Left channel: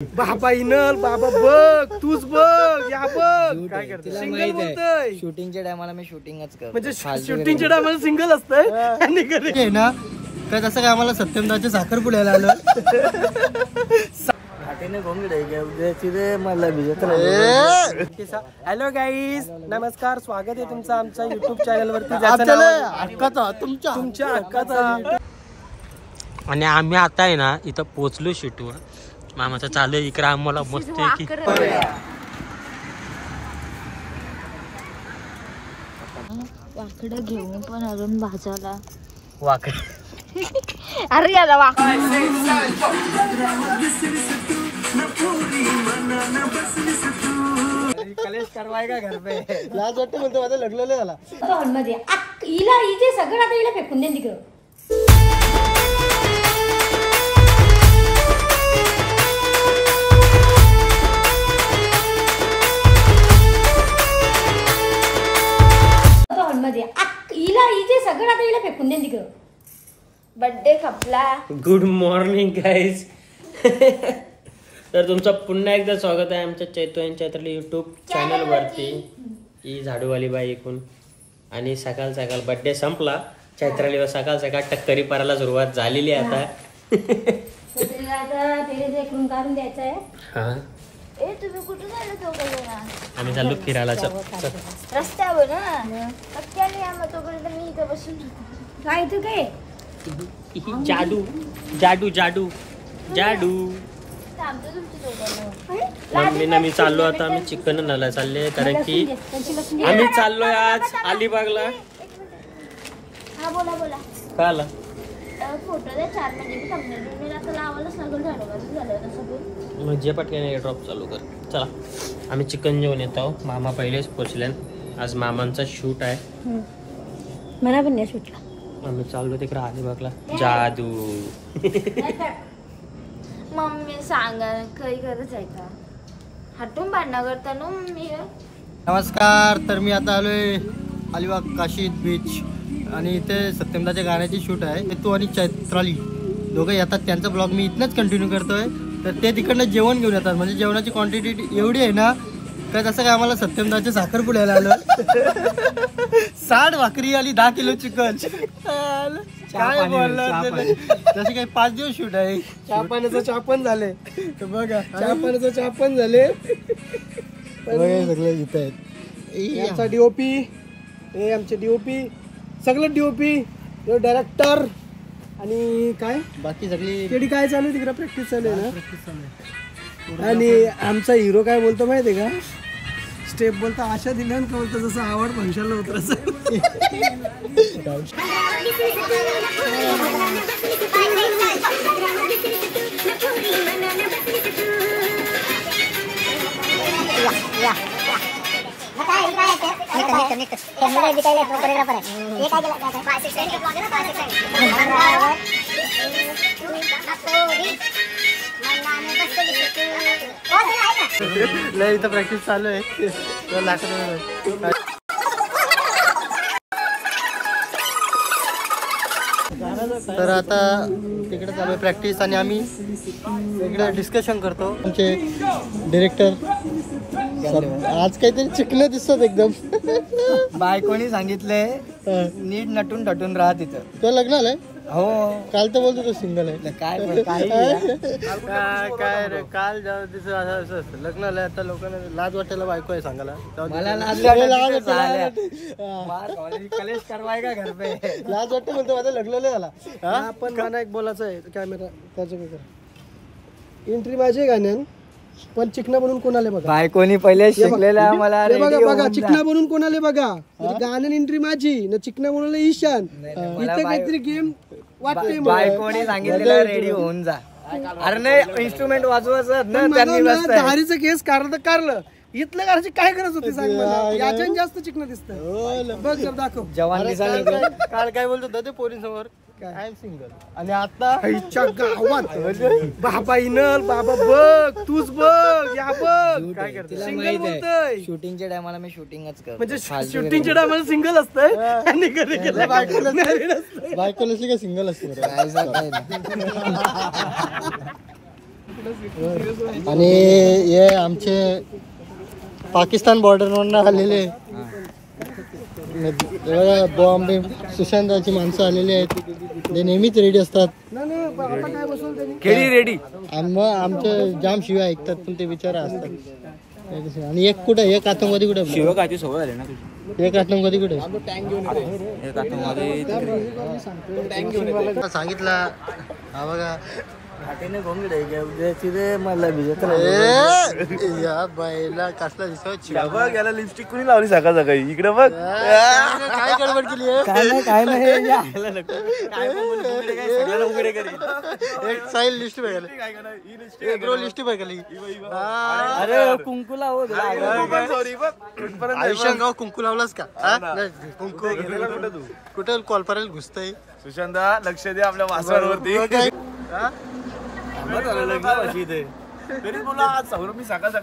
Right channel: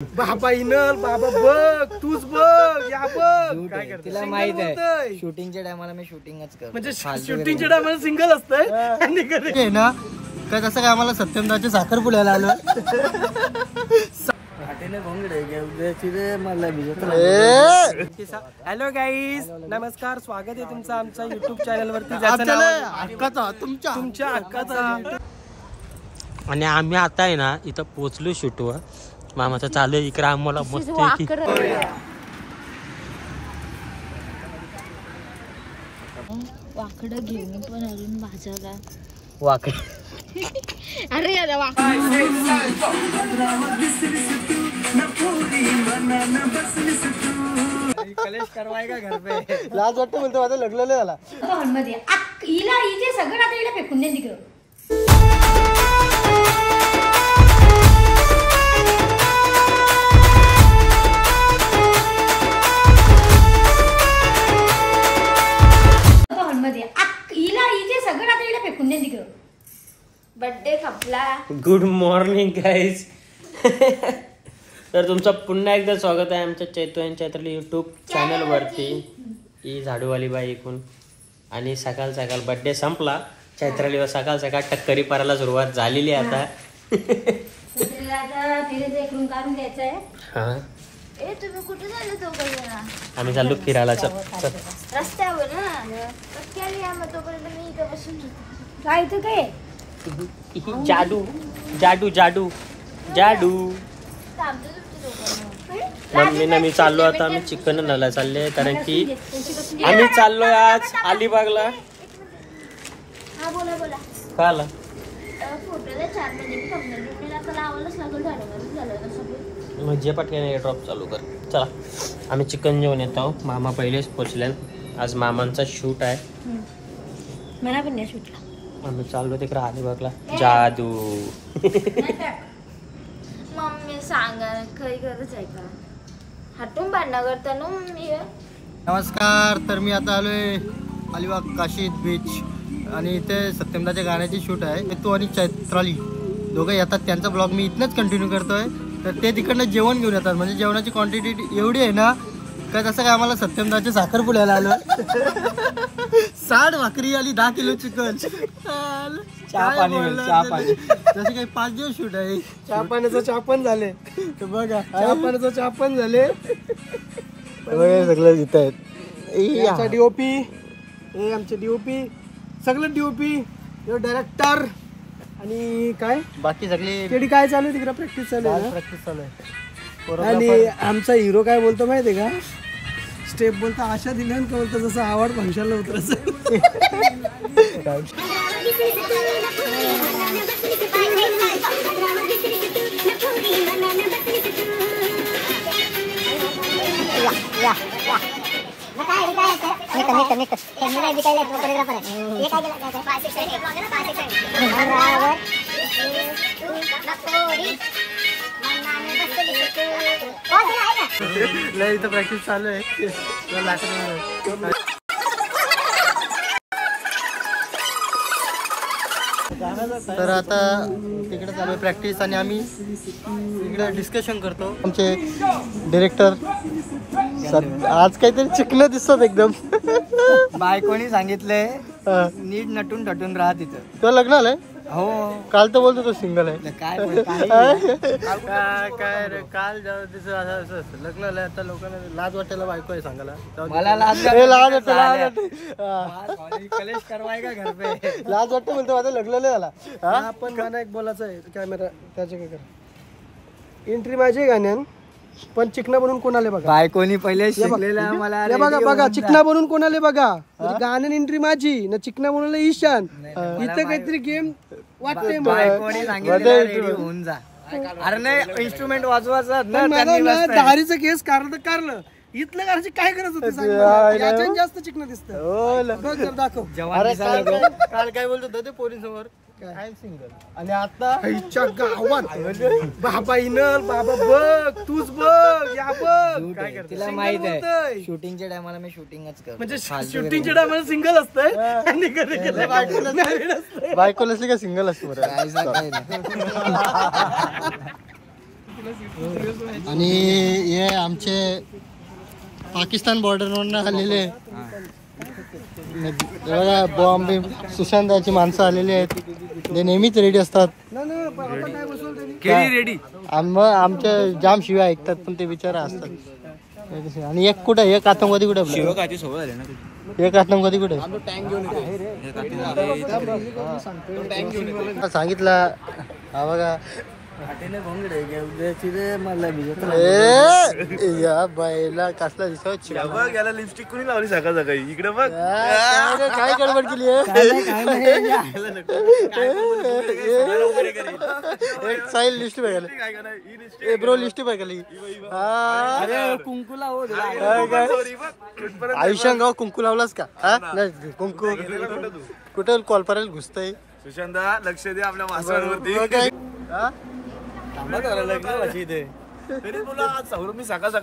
बाबा इनल बाबा बघ तूच बघ या बघ काय करते तिला माहित आहे शूटिंगच्या टायमाला मी शूटिंगच करतो म्हणजे शूटिंगच्या टायमाला सिंगल असतंय आणि घरी ना काय तसं काय आम्हाला सत्यमदाचे साखर पुण्याला आलं हॅलो गाईज नमस्कार स्वागत आहे तुमचं आमच्या युट्यूब चॅनल वरती तुमच्या हक्काचा आणि आम्ही आता आहे ना इथं पोहोचलो शूटवर मामाचा चालू आहे इकडे आम्हाला मस्त की वाकडं घेऊन पण अजून भाजायला वाकड अरे याला वाकड कलेश करवाय का घर पे लाज वाटतं म्हणतो माझं लग्न नाही झाला हिला इथे सगळं आता हिला फेकून दे तिकडं बर्थडे खपला. Good morning guys. तर तुमचं पुन्हा एकदा स्वागत आहे आमच्या चैतू आणि चैत्राली युट्यूब चॅनल वरती. ही झाडूवाली बाई ऐकून आणि सकाळ सकाळ बर्थडे संपला चैत्राली सकाळ सकाळ टक्करी पारायला सुरुवात झालेली आहे आता. तुम्ही कुठे चालले दोघं? आम्ही चाललो फिरायला. रस्त्यावर जायचं काय जादू जादू जादू जादू. मम्मी ना मी चाललो आता आम्ही चिकन आणायला चालले कारण की आम्ही चाललोय आज अलिबागला. का आला म्हणजे पटकन ड्रॉप चालू कर. चला आम्ही चिकन जेवण येत आहोत. मामा पहिलेच पोचले. आज मामांचा शूट आहे. मला पण नाही सुटला. आम्ही चाललो तिकडे अलिबागला. जादू मम्मी सांगा काही गरज आहे का हटून भांडणं करता ना मम्मी. नमस्कार. तर मी आता आलोय अलिबाग काशीद बीच आणि इथे सत्यमदाच्या गाण्याची शूट आहे. तू आणि चैत्राली दोघं येतात. त्यांचा ब्लॉग मी इथनंच कंटिन्यू करतोय. तर ते तिकडनं जेवण घेऊन येतात. म्हणजे जेवणाची क्वांटिटी एवढी आहे ना काय तसं काय आम्हाला सत्यमदाचे साखर पुण्याला आलं. 60 भाकरी आली 10 किलो चिकन. तसे काही 5 दिवस शूट आहे. चहा पाण्याचं चहा पण झाले. बघा चहा पाण्याचं चहा पण झाले. सगळं इथं आहेत. डीओपी हे आमचे डीओपी सगळं डीओपी डायरेक्टर आणि काय बाकी सगळे काय चालू आहे तिकडे प्रॅक्टिस चालू आहे. प्रॅक्टिस चालू आहे. आणि आमचा हिरो काय बोलतो माहितीये का स्टेप बोलतो आशा दिल्यान बोलतो जसं आवड फंक्शनला उतरायचं. इथं प्रॅक्टिस चालू आहे. तर आता तिकडे चालू आहे प्रॅक्टिस आणि आम्ही इकडे डिस्कशन करतो. आमचे डिरेक्टर आज काहीतरी चिकलं दिसत एकदम. बायकोनी सांगितलंय नीट नटून टटून राहा तिथं. तो लग्न आलंय. हो काल तर बोलतो तो सिंगल आहे. काय काय रे काल असं लग्न आलंय. आता लोकांना लाज वाटायला बायको आहे सांगायला. मला लाज कलेश करवाय का घर पे लाज वाटतं म्हणतो माझं लग्न नाही झाला. पण गाणं एक बोलायचं आहे कॅमेरा त्याचे काय करा एंट्री माझी गाण्यान पण चिकना बनून कोणाले बघा. बायकोनी पहिले शिकलेला मला बघा बघा चिकना बनून कोणाले बघा. गाण्यान एंट्री माझी ना चिकना बनवलं ईशान. इथे काहीतरी गेम वाटते. बायकोनी सांगितलं रेडी होऊन जा. अरे नाही इन्स्ट्रुमेंट वाजवायचं ना त्यांनी दारीचं केस कारलं तर कारलं. इथलं करायची काय करत होते सांग मला. याच्यानं जास्त चिकन दिसतं. बघ जर दाखव. काल काय बोलत होतं ते पोरींसमोर आय एम सिंगल आणि आता गावात बाबा इनल बाबा बघ तूच बघ या बघ काय करते. तिला माहित आहे शूटिंगच्या टायमाला मी शूटिंगच करतो. म्हणजे शूटिंगच्या टायमाला सिंगल असतंय आणि बायको नसली का सिंगल असतो. आणि हे आमचे पाकिस्तान बॉर्डरवरून आलेले बॉम्ब सुशांताची माणसं आलेली आहेत, जे नेहमीच रेडी असतात. रेडी आमचे जाम शिव्या ऐकतात, पण ते बिचारा असतात. आणि एक कुठे एक आतंकवादी कुठे शिवकाची सोबत आले ना एक आतंकवादी कुठे सांगितलं. हा बघा या बाईला कसला दिसत गेला लिपस्टिक कोणी लावली सकाळ सकाळी इकडे बघ काय गडबड केली एक साईल लिस्ट बघायला ब्रो लिस्ट बघायला अरे कुंकू लाव आयुष्यात गाव कुंकू लावलास का? नाही कुंकू कुठे कॉल्परेल घुसतय. सुशांता लक्ष दे आपल्या वासावरती.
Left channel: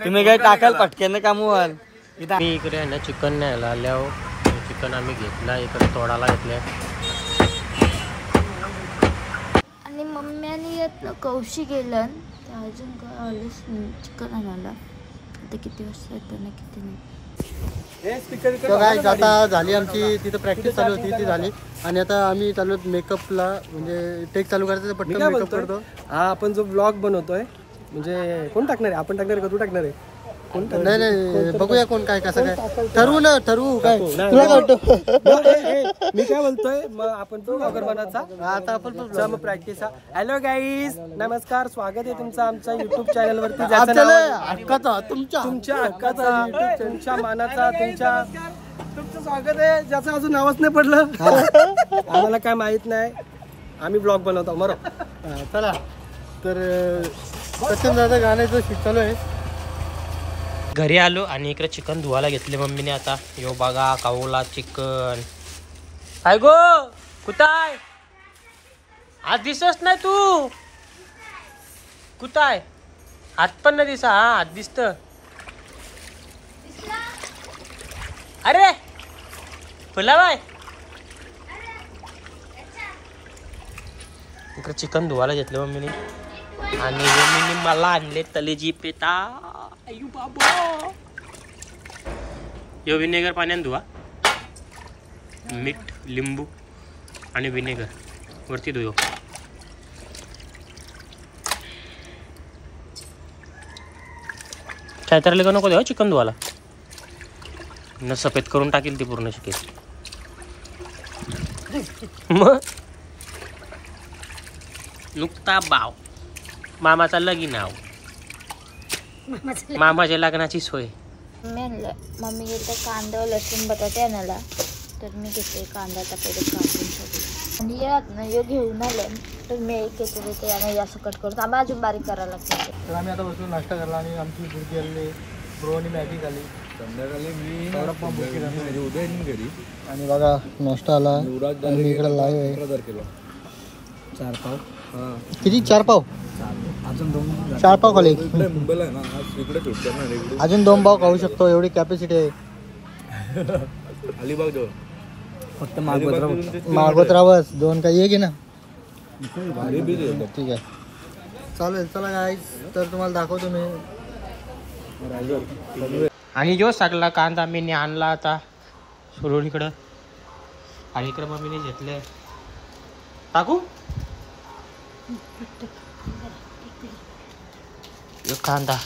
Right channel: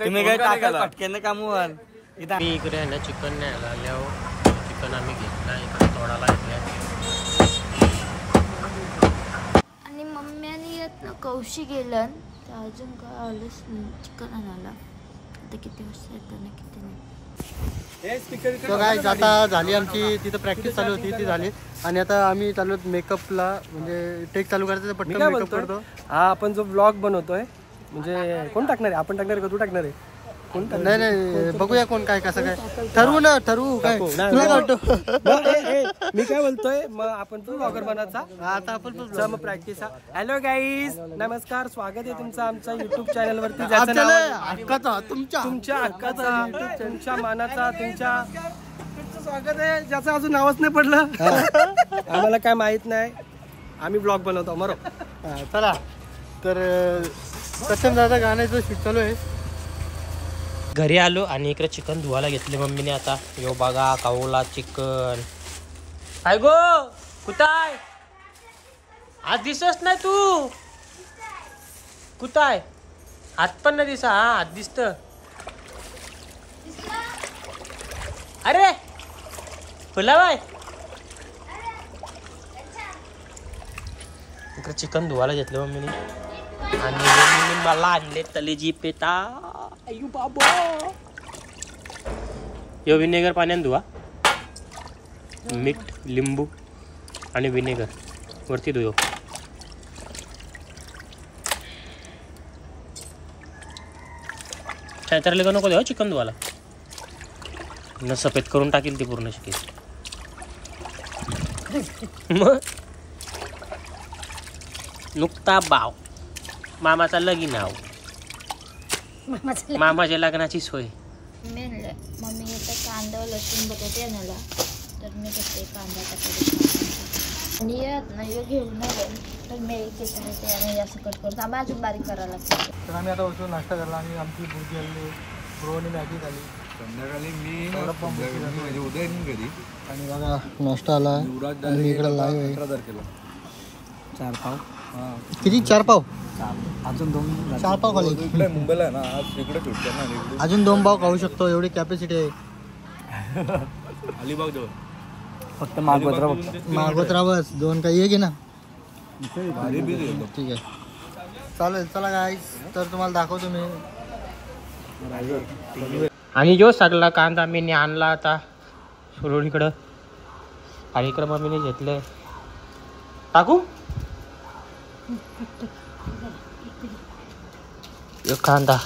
तुम्ही काय टाकाल पटक्याने कामवाल. मी इकडे आहे ना चिकन न्यायला आल्यावर चिकन आम्ही घेतला इकडे तोडाला घेतल्या. आणि मम्म्याने येत कौशी गेलं तर अजून काय आलंच नाही चिकन आणायला. आता किती वाजता येतं ना किती नाही. तर काय आता झाली आमची तिथं प्रॅक्टिस चालू होती ती झाली. आणि आता आम्ही चालू मेकअपला, म्हणजे टेक चालू करायचं पटकन मेकअप करतो. हा आपण जो ब्लॉग बनवतोय म्हणजे कोण टाकणार आहे? आपण टाकणार आहे का तू टाकणार आहे? नाही नाही बघूया कोण काय कसं काय ठरवू काय तुला काय वाटतं? मी काय बोलतोय मग आपण तो ब्लॉगर बनायचा. आता आपण मग प्रॅक्टिस. हॅलो गाईज नमस्कार, स्वागत आहे तुमचं आमच्या युट्यूब चॅनल वरती. हक्काचा तुमच्या हक्काचा तुमच्या मानाचा तुमचं स्वागत आहे, ज्याचं अजून नावच नाही पडलं. आम्हाला काय माहित नाही, आम्ही ब्लॉग बनवतो मरो. चला तर सत्यम दादा गाण्याचं शूट चालू आहे. घरी आलो आणि इकडे चिकन धुवायला घेतले मम्मीने. आता यो बघा कावला चिकन. काय गो कुठाय? आज दिसत नाही तू. कुठाय? हात पण नाही दिसा. हा हात दिसत. अरे फुलाबाय इकडे चिकन धुवायला घेतलं मम्मीने. आणि मम्मीने मला आणले तलेजी पेटा. अय्यो बाबा यो विनेगर पाण्याने धुवा. मीठ लिंबू आणि विनेगर वरती धुयो. चैत्राला का नको देवा चिकन धुवाला. न सफेद करून टाकील ती पूर्ण शिकेल. मग नुकता बाव मामाचा लगीन नाव मामाच्या लग्नाची सोय. मी आणलं मम्मी घेते कांदा लसूण बटाटे आणायला. तर मी घेते कांदा टाकायला आणि यात ना हे घेऊन आलं तर मी एक घेते आणि असं कट करतो. आम्ही अजून बारीक करायला लागते. तर आम्ही आता बसून नाश्ता करला आणि आमची बुर्गी आली, ब्रोनी मॅगी झाली. संध्याकाळी मी उद्या घरी. आणि बघा नाश्ता आला आणि मी इकडे लाईव्ह आहे. 4 पाव किती? 4 पाव अजून 2 4 पाव खाले. मुंबईला आहे ना आज इकडे फिरतो. अजून 2 पाव खाऊ शकतो एवढी कॅपॅसिटी आहे. अलिबाग जवळ फक्त मागवत राहावंच 2 काही एक आहे ना. ठीक आहे चालेल. चला गाईस तर तुम्हाला दाखवतो मी. आणि जो सगळा कांदा मी आणला आता सुरून इकडं. आणि इकडं मम्मीने घेतलंय. टाकू यो कांदा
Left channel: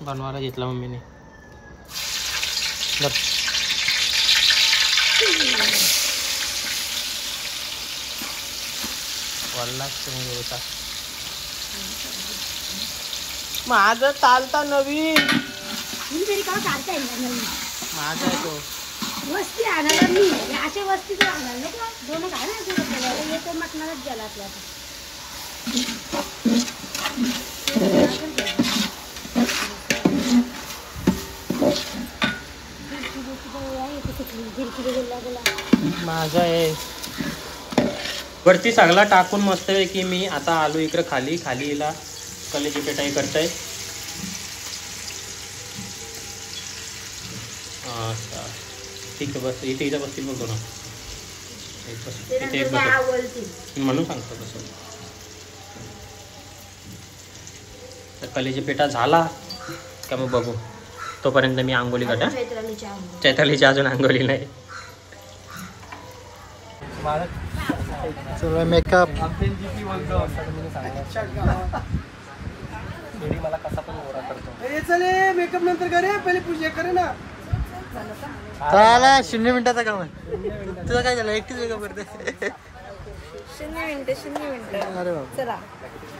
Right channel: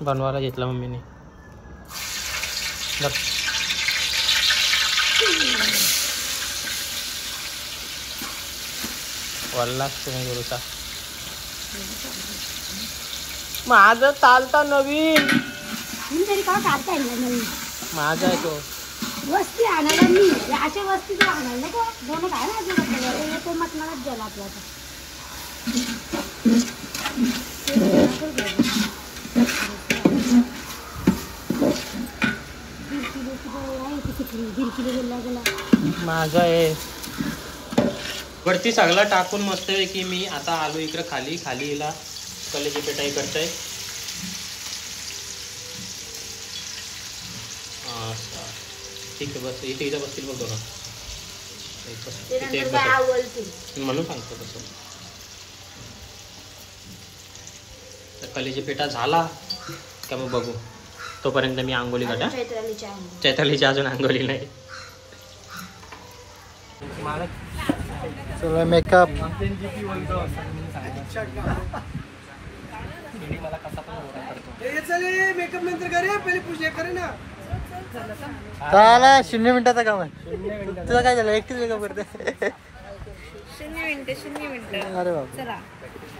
बनवायला घेतला मम्मीने. वल्लाच तुम्ही गुरुचा माझं चालता नवीन तरी का काढता येईल माझा आहे तो. वस्ती आणायला मी अशा वस्ती तर आणायला नाही का. दोन काय ना अजून येतो मटणालाच गेला आपला. माझा आहे वरती सगळा टाकून मस्त आहे की मी आता आलो इकडे खाली. खाली हिला कलेची पेटाई करताय. ठीक आहे बस इथे इथं बसतील बघ बघा. म्हणून सांगतो तसं. तर कलेची पेटा झाला का मग बघू. तोपर्यंत मी आंघोळी काढा. चैतालीची अजून आंघोळी नाही. चला मेकअप. मला कसा पण ओरा करतो. मेकअप नंतर करे, पहिले पूजा करे ना. चला 0 मिनिटाचं काम आहे. तुझं काय झालं एकटीच मेकअप करते. 0 मिनिटं. अरे बाबा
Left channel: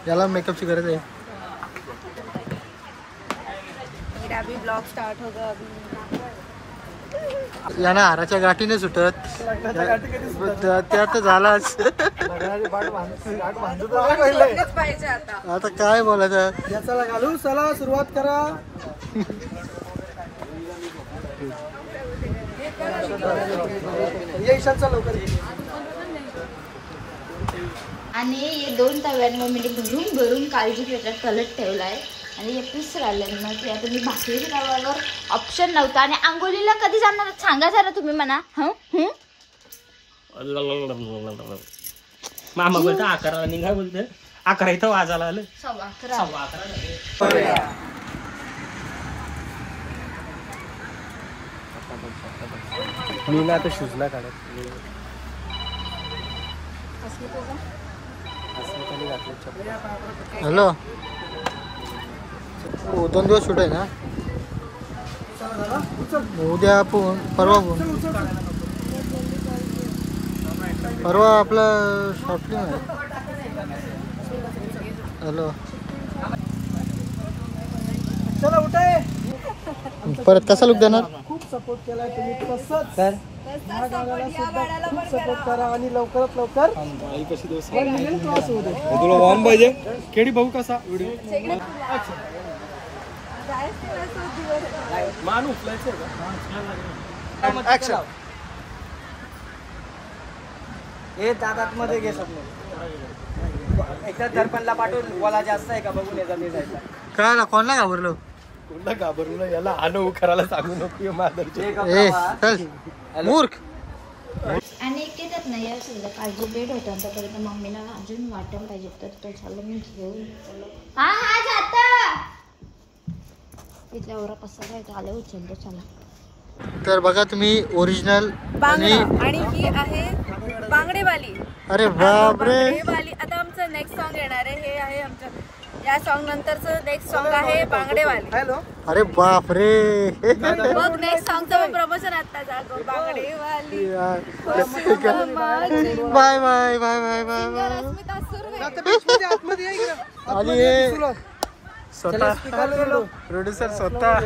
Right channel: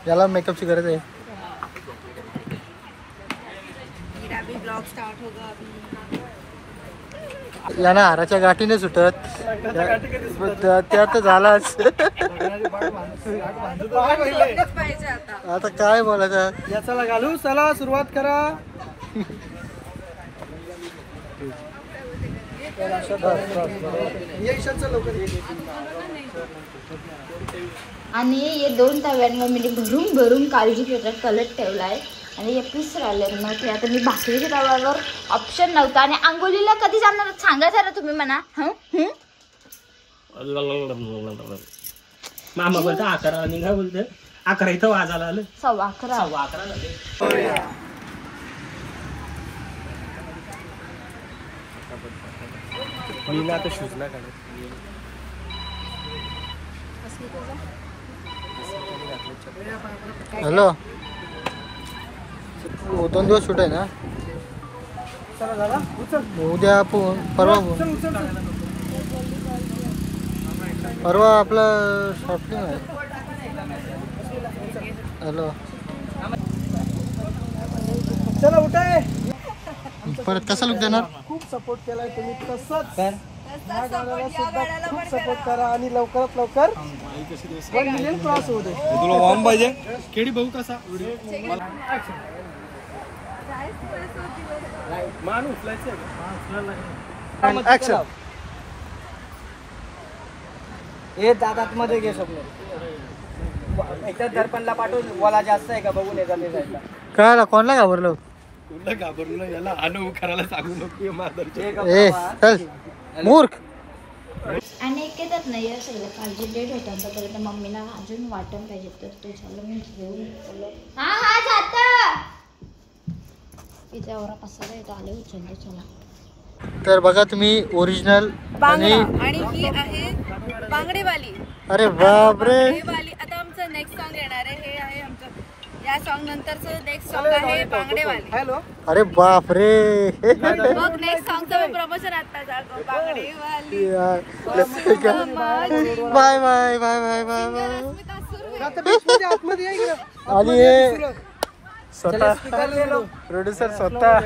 याला मेकअपची गरज आहे. ब्लॉग स्टार्ट होगा अभी. याना हाराच्या गाठीने सुटत त्या तर झालाच. आता काय बोलायचं. याचाला घालू. चला सुरुवात करा. आणि हे 2 तव्यांवर मी भरून भरून काळजी पेटात कलट ठेवलाय आणि हे पीस राहिले. मग ते आता मी भाकरीच्या तव्यावर ऑप्शन नव्हता. आणि आंघोळीला कधी जाणार सांगायचं ना तुम्ही म्हणा. मामा बोलतो 11 निघा. बोलते 11 इथं वाजायला आलं. 11:15. मी ना आता शूज ना काढत. हॅलो 2 दिवस शूट आहे ना. उद्या परवा आपलं शॉर्ट फिल्म आहे. हॅलो चला उठाय. परत कसा लुक देणार. खूप सपोर्ट केलाय तुम्ही. तसंच या गाण्याला सुद्धा खूप सपोर्ट करा आणि लवकरात लवकर 1 मिलियन क्रॉस होऊ दे. तुला वॉर्म पाहिजे. केडी भाऊ कसा व्हिडिओ मान उचलायचं का. ऍक्शन. हे दादात मध्ये घे स्वप्न. एकदा दर्पणला पाठवून बोला जास्त आहे का बघून येतात. काय कोणला घाबरलो. कोणला घाबरलो. याला आणू करायला सांगू नको. मादरचे ए चल मूर्ख. आणि एक येतात ना या सगळ्या काळजी डेट होता. तोपर्यंत मम्मीला अजून वाटण पाहिजे तर तो चाललं मी घेऊन चाललो. हा जाता इथे एवढा पसारा आहे. तो आले उचलतो. चला तर बघा तुम्ही ओरिजिनल आणि ही आहे बांगडेवाली. अरे बापरे. आता आमचं नेक्स्ट सॉन्ग येणार आहे. हे आहे आमचं या सॉन्ग नंतरचं नेक्स्ट सॉन्ग आहे बांगडेवाली. हॅलो. अरे बापरे. मग नेक्स्ट सॉन्गचं प्रमोशन आता Jago Bangdewali. Bye bye bye bye bye bye. आणि हे स्वतः प्रोड्युसर स्वतः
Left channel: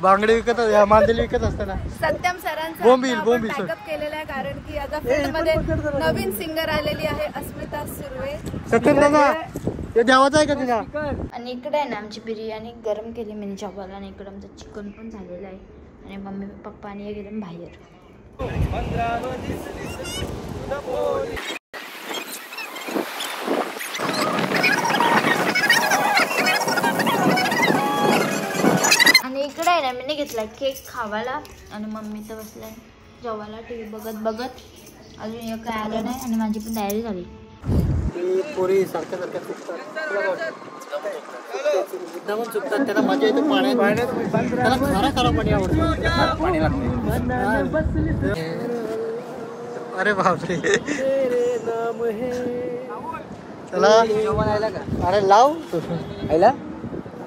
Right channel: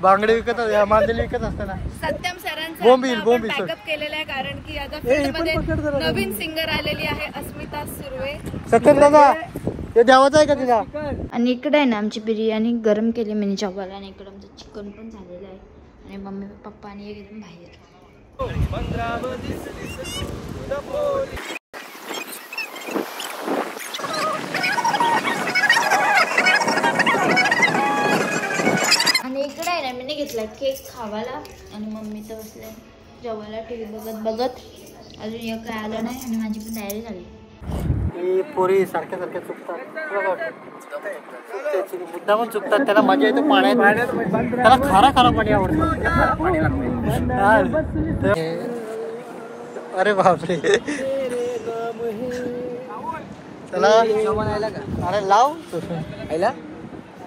बांगडे विकत मांदेली विकत असताना सत्यम सरांचा बोंबील बॅकअप केलेला आहे. कारण की आता फील्ड मध्ये नवीन सिंगर आलेली आहे अस्मिता सुर्वे. सत्यम दादा ते द्यावाचं आहे का तुला. आणि इकडे आहे ना आमची बिर्याणी गरम केली मिनी जेवायला. आणि इकडे आमचं चिकन पण झालेलं आहे. आणि मम्मी पप्पा आणि एकदम बाहेर. आणि इकडे आहे ना मी घेतला केक खावायला. आणि मम्मी तर बसलाय जेवायला टीव्ही बघत बघत. अजून एक काय आलं नाही. आणि माझी पण तयारी झाली. पोरी सारख्या चुकतात. मुद्दा पण चुकतात. त्याला मजा येते पाण्यात. त्याला खारा पाणी आवडतं. पाणी लागतं. अरे बापरे. चला अरे लाव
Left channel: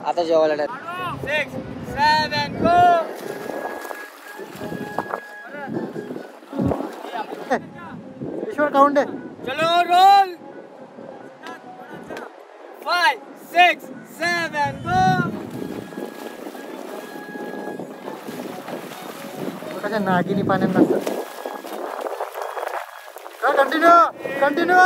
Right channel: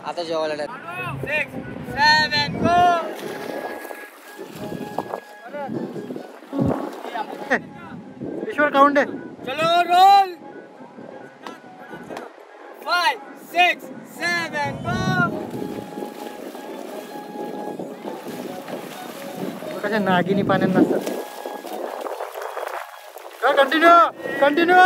आता जेवायला. ईश्वर काउंट आहे. चलो रोल. 5 6 7 गो. कशा नागिनी पाण्यात नसतात. कंटिन्यू.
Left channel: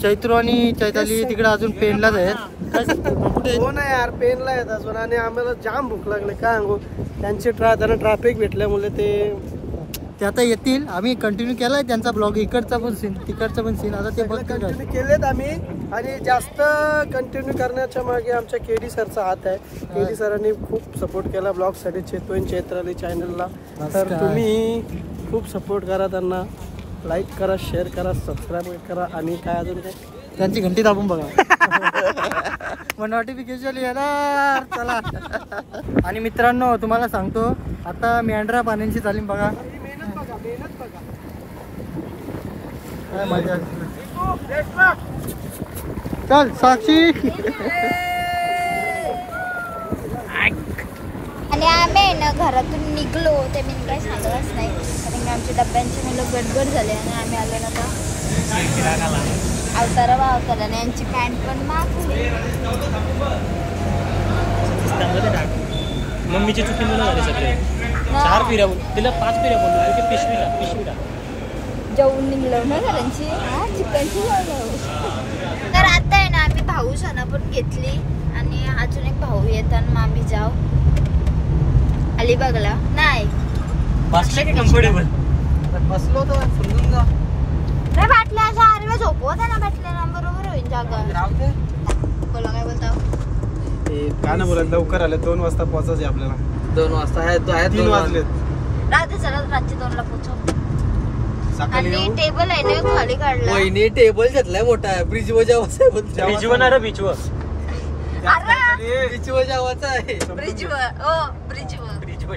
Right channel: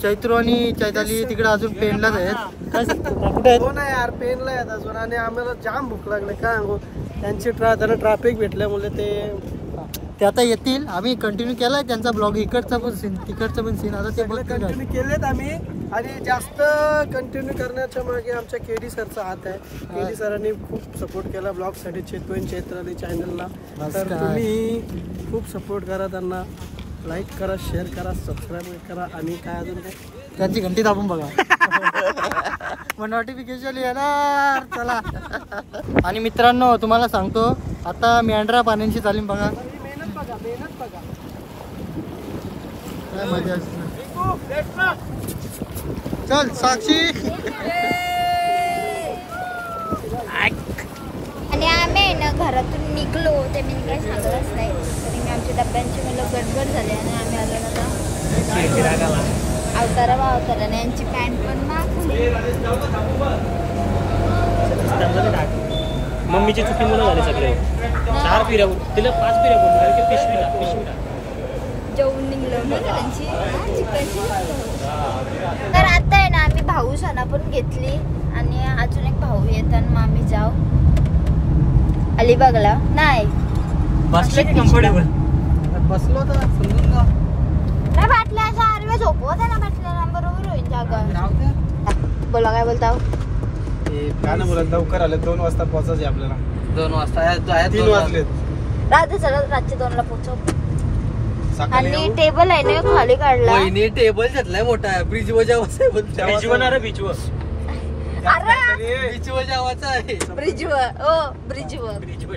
चैत्र आणि चैताली तिकडे अजून पेनलाच आहेत. काय कुठे आहेत. हो ना यार पेनला आहेत अजून. आणि आम्हाला जाम भूक लागले काय सांगू. त्यांची त्यांना ट्रॅफिक भेटल्यामुळे ते आता येतील. आम्ही कंटिन्यू केलाय त्यांचा ब्लॉग. इकडचा पण सीन तिकडचा पण सीन आता ते बघतील. कंटिन्यू केलेत आम्ही. आणि जास्त कंटिन्यू करण्याच्या मागे आमच्या केडी सरचा हात आहे. केडी सरांनी खूप सपोर्ट केला ब्लॉग साठी. चैत्राली चॅनलला. तर तुम्ही खूप सपोर्ट करा त्यांना. लाईक करा, शेअर करा, सबस्क्राईब करा आणि काय अजून काय त्यांची घंटी दाबून बघा. मग नोटिफिकेशन येणार. चला. आणि मित्रांनो तुम्हाला सांगतो आता मेंढरा पाण्यांची तालीम बघा काय मजा असते. चल साक्षी. आणि आम्ही ना घरातून निघलो ते मी काही सांगलंच नाही कारण की आमच्या डब्यांची मुलं गडबड झाले आणि आम्ही आलो ना अवतारा आणि यांची पॅन्ट पण मागली. मम्मीची चुकी मुलं झाली सगळे. 4 फेऱ्या बोल तिला 5 फेऱ्या बोललो की पिशवीला जेवून निघलो ना त्यांची चिकनची. तर आता आहे ना आम्ही भाऊ सणा पण घेतली आणि अजून एक भाऊ येतात मग आम्ही जाऊ अलिबागला. नाही बसले की कम्फर्टेबल बसलो तर समजून जा. नाही बाटल्या अशा आरव्या झोपवत आहे ना बाटल्या बरोबर होईल जागा. बोला काय बोलता. काय ना बोलत लवकर आले 2 वाजता पोहोचायचे आपल्याला. 2 वाजता 3 वाजलेत. रात्री सगळं रात्री 2ला पोहोचव. सकाळी आणि टेबल आहे ना खाली काढला. वहिनी टेबल घेतलाय मोठा ब्रिज वर जावाचा बीचवर बीच वर जावाचा आहे. ब्रिजवर बीचवर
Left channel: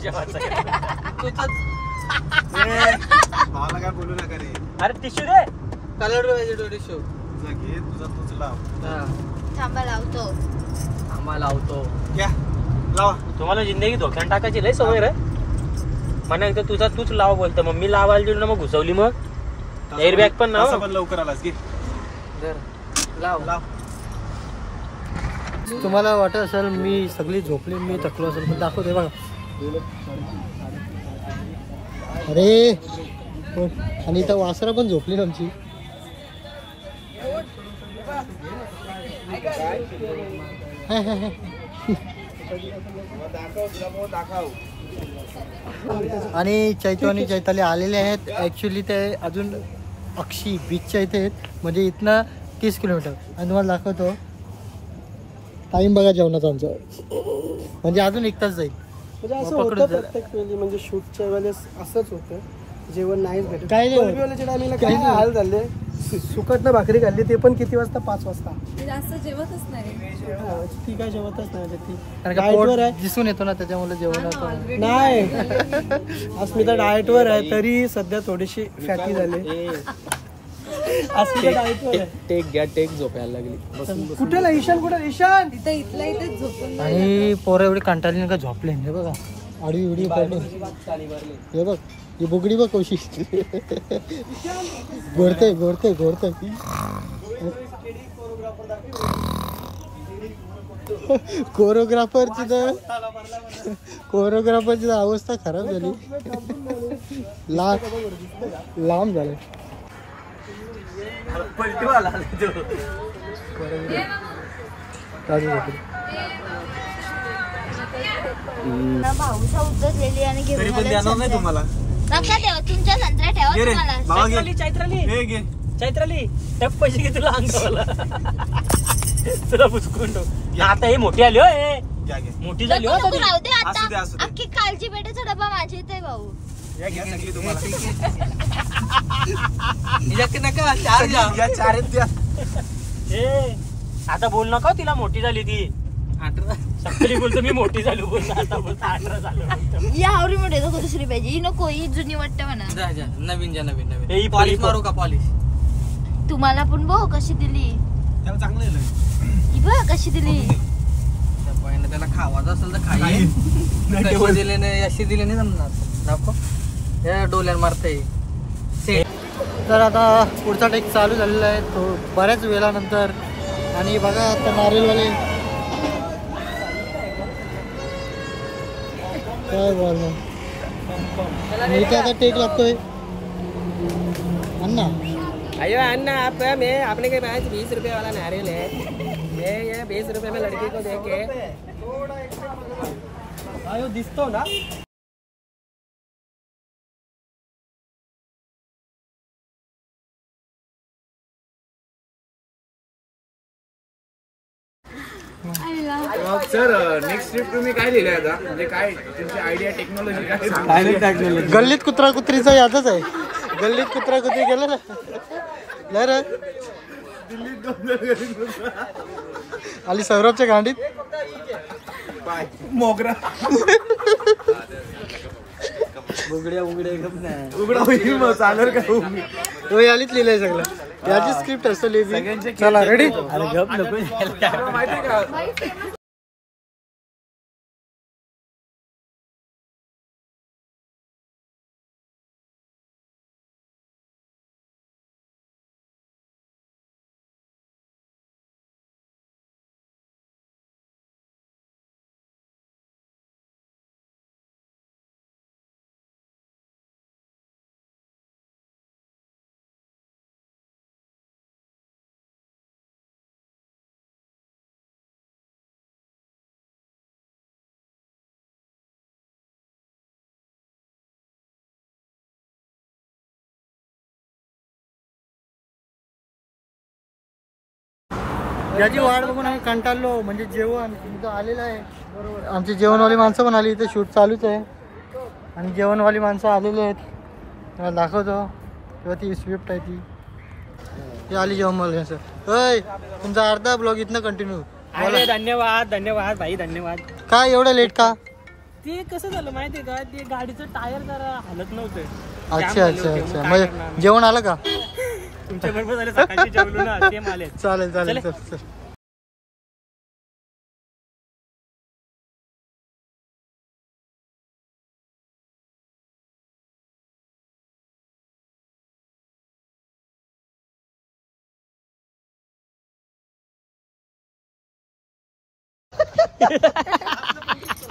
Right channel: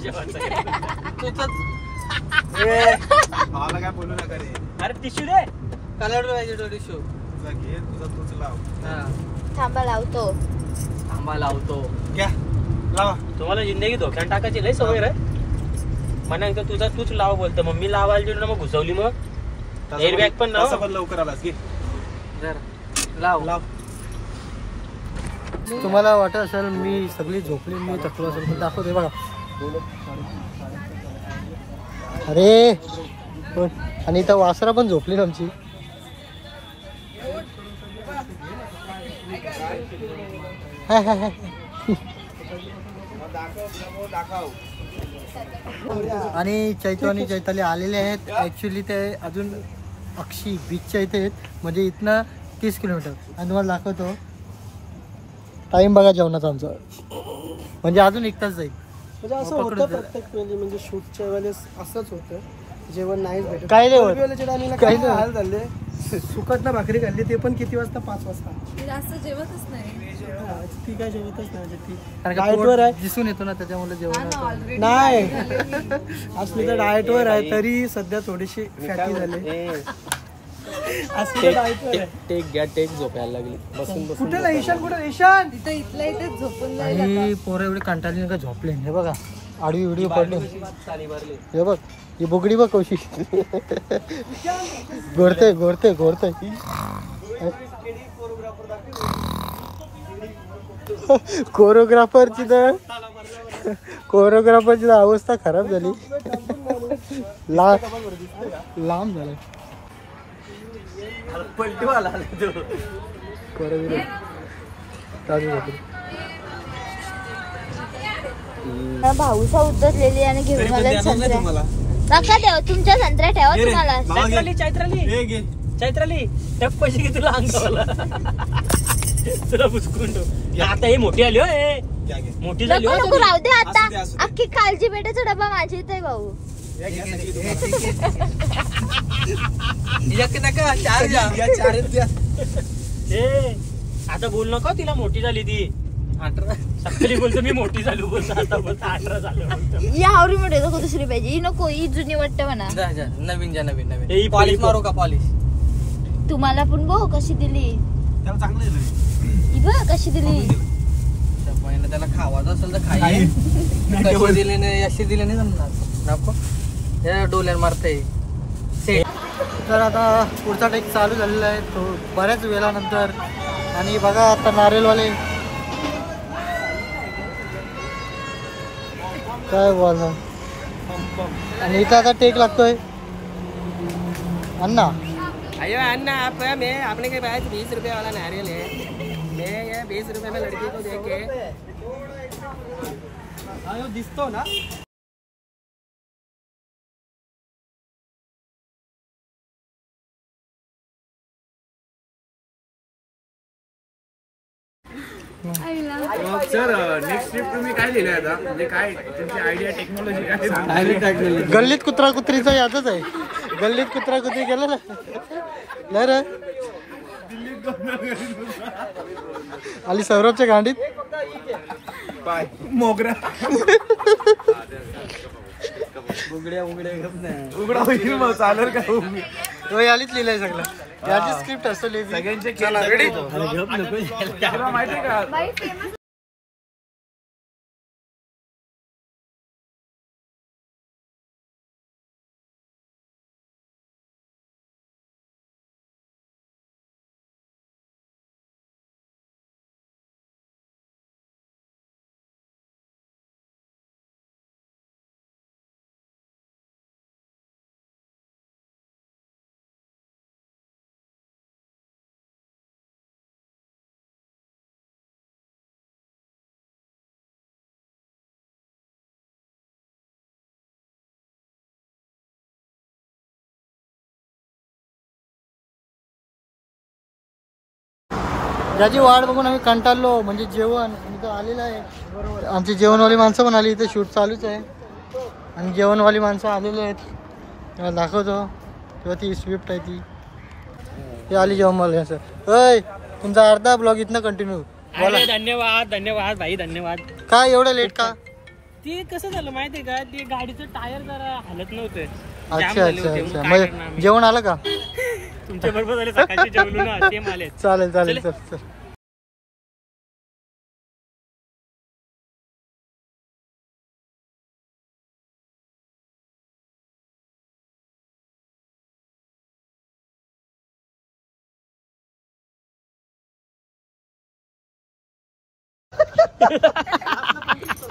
मला काय बोलू नका रे. अरे टिश्यू दे. कलर पाहिजे टिश्यू. घे तुझा तूच लाव. थांबा लावतो. आम्हाला लावतो. घ्या लावा. तुम्हाला जिंदगी धोक्यात टाकायची लय सवय रे. म्हणा एकदा तुझा तूच लाव बोलतो मम्मी लावायला दिली ना मग घुसवली मग एअरबॅग पण ना पण लवकर आलास की लाव लाव. तुम्हाला वाटत असेल मी सगळी झोपली मी थकलो असेल पण दाखवते बघा. अरे आणि इथं वासरा पण झोपली आमची. आणि चैतू आणि चैताली आलेले आहेत. ॲक्च्युली ते अजून अक्षी बीचच्या इथे आहेत म्हणजे इथनं 30 किलोमीटर. आणि तुम्हाला दाखवतो टाईम बघा जेवणाचा आमचा म्हणजे अजून 1 तास जाईल. म्हणजे असं होतं प्रत्येक वेळी म्हणजे शूटच्या वेळेस असंच होतं. जेवण नाहीच भेटत. काय नाही टायमिंगला काय हाल झाले. सुकटनं भाकरी खाल्ली ते पण किती वाजता 5 वाजता. जास्त जेवतच नाही. ती काय जेवतच नाही ती डाएटवर आहे दिसून येतो ना त्याच्यामुळे जेवण नाही. अस्मिता डाएटवर आहे तरी सध्या थोडीशी फॅटी झाली. टेक झोपायला लागली. कुठे ना ईशान कुठे ईशान इथं इथेच झोपून आणि पोरं एवढी कंटाळली का झोपले. हे बघा आडवी व्हिडिओ पडले. हे बघ ही बुगडी बघ कशी घोरते. कोरिओग्राफरची अवस्था खराब झाली. लांब झाले. भाऊसा उतरलेली आणि घेऊन तुम्हाला लक्षात ठेवा तुमच्या संत्र्या ठेवा तुम्हाला. चैत्राली टप पैसे घे तुला अंगाला तुला बुसकून आता हे मोठी आली हो. मोठी झाली हो. राहू दे आता अख्खी कालची पेटाचा डबा माझ्या इथे भाऊ. आता बोल नका तिला मोठी झाली ती. 18 सकाळी बोलतो मी मोठी झाली बोलतो आता बोलतो 18 झालं. या आवडी मोठे नको दुसरी पाहिजे ही नको ही जुनी वाटतं म्हणा. नवीन पॉलिश मारू का पॉलिश. तुम्हाला पण बघ कशी दिली. त्याला चांगलं आहे. बघ कशी दिली. त्याला खावायचं असेल तर खाई दिले नाही अशी दिले नाही जमणार नको. हे डोल्यावर मारते. तर आता पुढचा टेक चालू झालेला आहे तो बऱ्याच वेळानंतर. आणि बघा आता नारियलवाले काय बोलणार. मी तर आता टेक लागतोय अन्ना. अयो अन्ना आप मैं अपने के पास 20 रुपए वाला नारियल है. मैं ये 20 रुपए में लड़की को दे के आयो दिसतो ना. सर नेक्स्ट ट्रिप तुम्ही काय लिहिलं आता म्हणजे काय तुमची आयडिया टेक्नॉलॉजी काय. गल्लीत कुत्रा कुत्रीचा यादच आहे. गल्लीत कुत्रा कुत्री गेलं ना नाही रे आली सौरभच्या गांडीत मोगरा तो यालीच लिहिलंय सगळं याची स्क्रिप्ट असतो लिहिली चला रेडी याची वाट बघून आम्ही कंटाळलो म्हणजे जेवण इथं आलेलं आहे आमची जेवणवाली माणसं पण आली इथं शूट चालूच आहे आणि जेवणवाली माणसं आलेली आहेत तेव्हा दाखवतो तेव्हा ती स्विफ्ट आहे ती आली जेवणवाली असं होय तुमचा अर्धा ब्लॉग इथनं कंटिन्यू धन्यवाद धन्यवाद भाई धन्यवाद काय एवढं लेट का ते कसं झालं माहितीये का ते गाडीचं टायर जरा हालत नव्हते अच्छा अच्छा अच्छा मग जेवण आलं का तुमच्या बरोबर झाले सकाळची जेवलो ना ते आले चालेल चालेल चल चल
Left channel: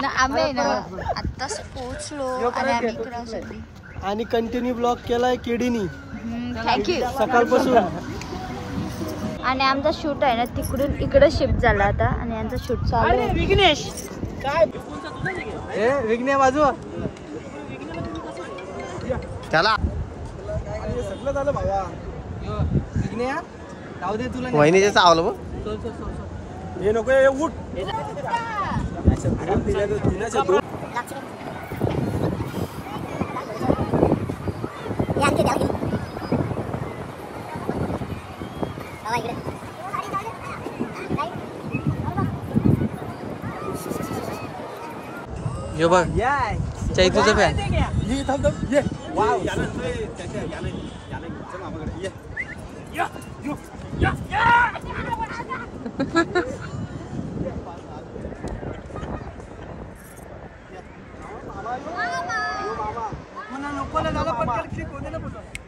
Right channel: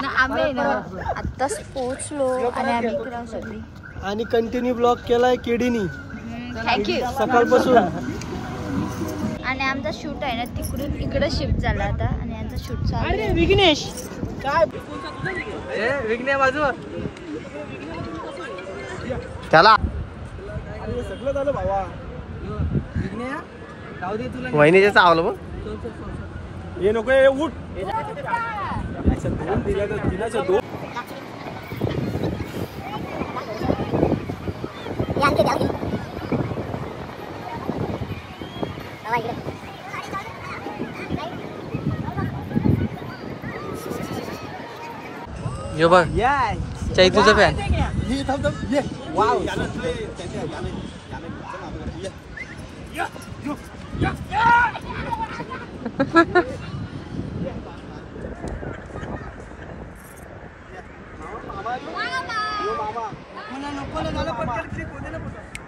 ना आम्ही ना आत्ताच पोहोचलो आणि आम्ही इकडं सगळी आणि कंटिन्यू ब्लॉग केलाय केडीनी थँक्यू सकाळपासून आणि आमचा शूट आहे ना तिकडून इकडे शिफ्ट झाला आता आणि यांचा शूट चालू आहे. विघ्नेश विघ्ने बाजू त्याला सगळं झालं भावा विघ्ने जाऊ दे तुला वहिनीचे चावलं मग हे नको हे उठ यो बघ चाई तुझं फॅन ये थांब ये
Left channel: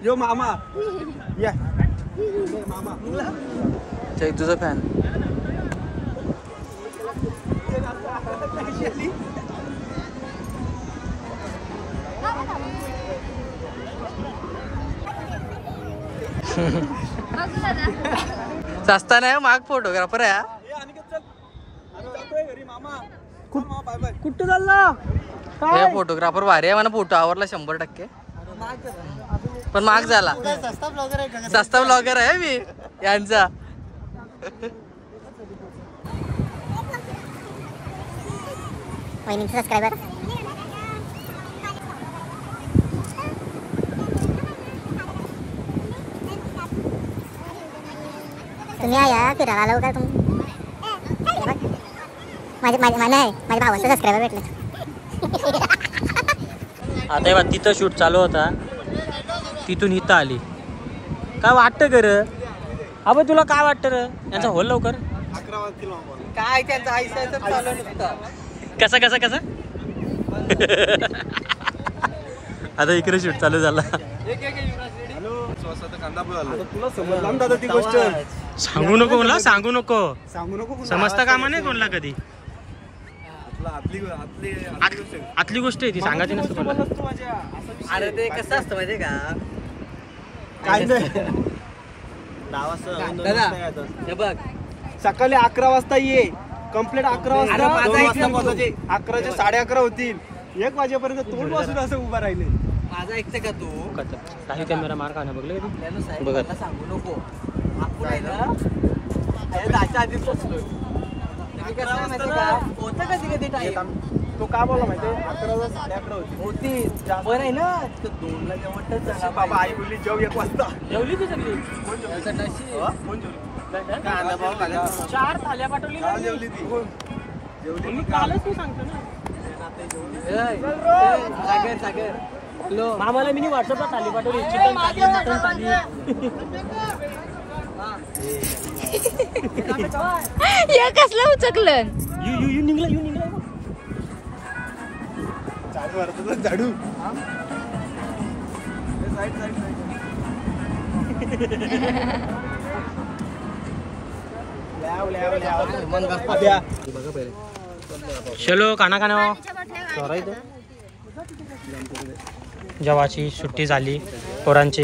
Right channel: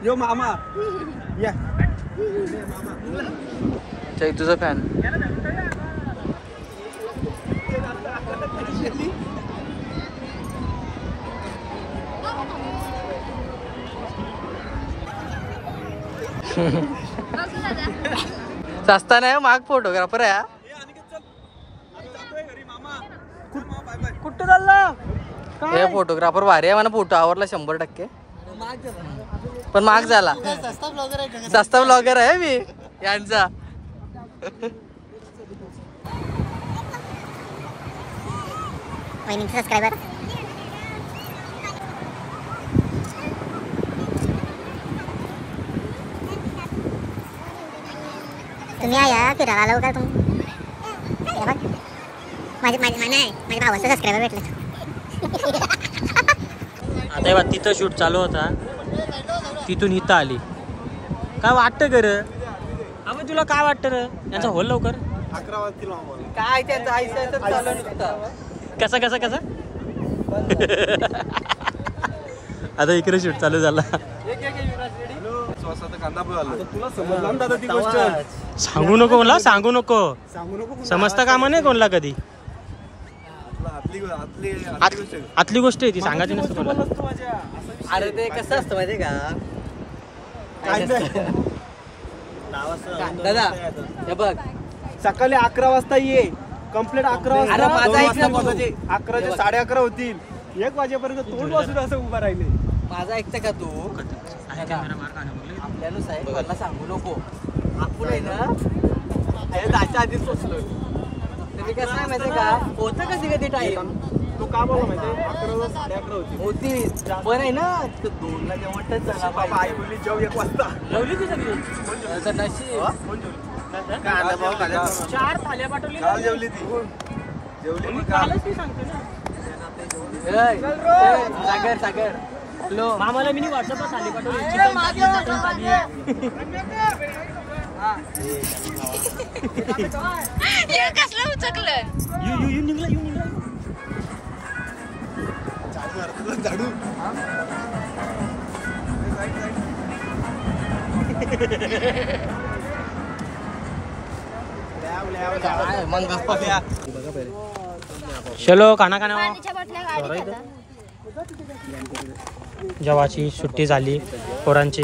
यो मामा या चाई तुझं फॅन सस्ता नाही माग फोटोग्राफर आहे कुठं चालला हे फोटोग्राफर भारी आहे मला फोटो आवडला 100%. पण माग झाला सस्ता ब्लॉगर आहे मी यांचा सबस्क्रायबर तुम्ही या फिरायला लवकर तुम्ही माझ्या भावाचं सबस्क्रायबर भेटलं आता बघ तिथं शूट चालू होता तिथून इथं आली काय वाटतं कर अबे तुला काय वाटतं र यांचा होल लवकर 11 वाजतील काय त्यांचं आईचं चालू नुसतं कसा कसा कसा आता इकडे शूट चालू झाला तुला समजला दादा ती गोष्ट सांगू नको मला सांगू नको सांगू नको समजता कामा नाही कोणला कधी आतली गोष्ट आहे ती सांगायची नसतं मला. अरे ते कसं असतं माहिती का दादा हे बघ सकाळी 11 वाजता ये कंप्लीट 11 वाजता 11चे 11:30 होतील 1 वाजेपर्यंत तोंड वाजून असं उभा राहिले माझा ऐकतं का तू कॅमेरा मार खाणं बघलं कधी? आपल्याला साहेब मला सांगू नको आपण आहे ना त्याच्या आधीच पोचलो होतं कधी कधी टाईम तो का बोला माहितीये 11 11:30 होती बरं आहे ना. 2ला जेवण झाला बाबा. आई बोलली जेव 1 वाजता. जेवली ती सगळी. कोण जेवली? कांदा भाऊ घाल्या 4 थाल्या पाठवली. जेवली ती. जेवली कालच मी सांगतो ना. सागर हॅलो मामाला मी व्हॉट्सअपला थाली पाठवली. चिकन मटन थाली. या कसलं उचकलं. यू निघला झाडू. चलो खाना खाना. जेव्हाची सुट्टी झाली पोरांची.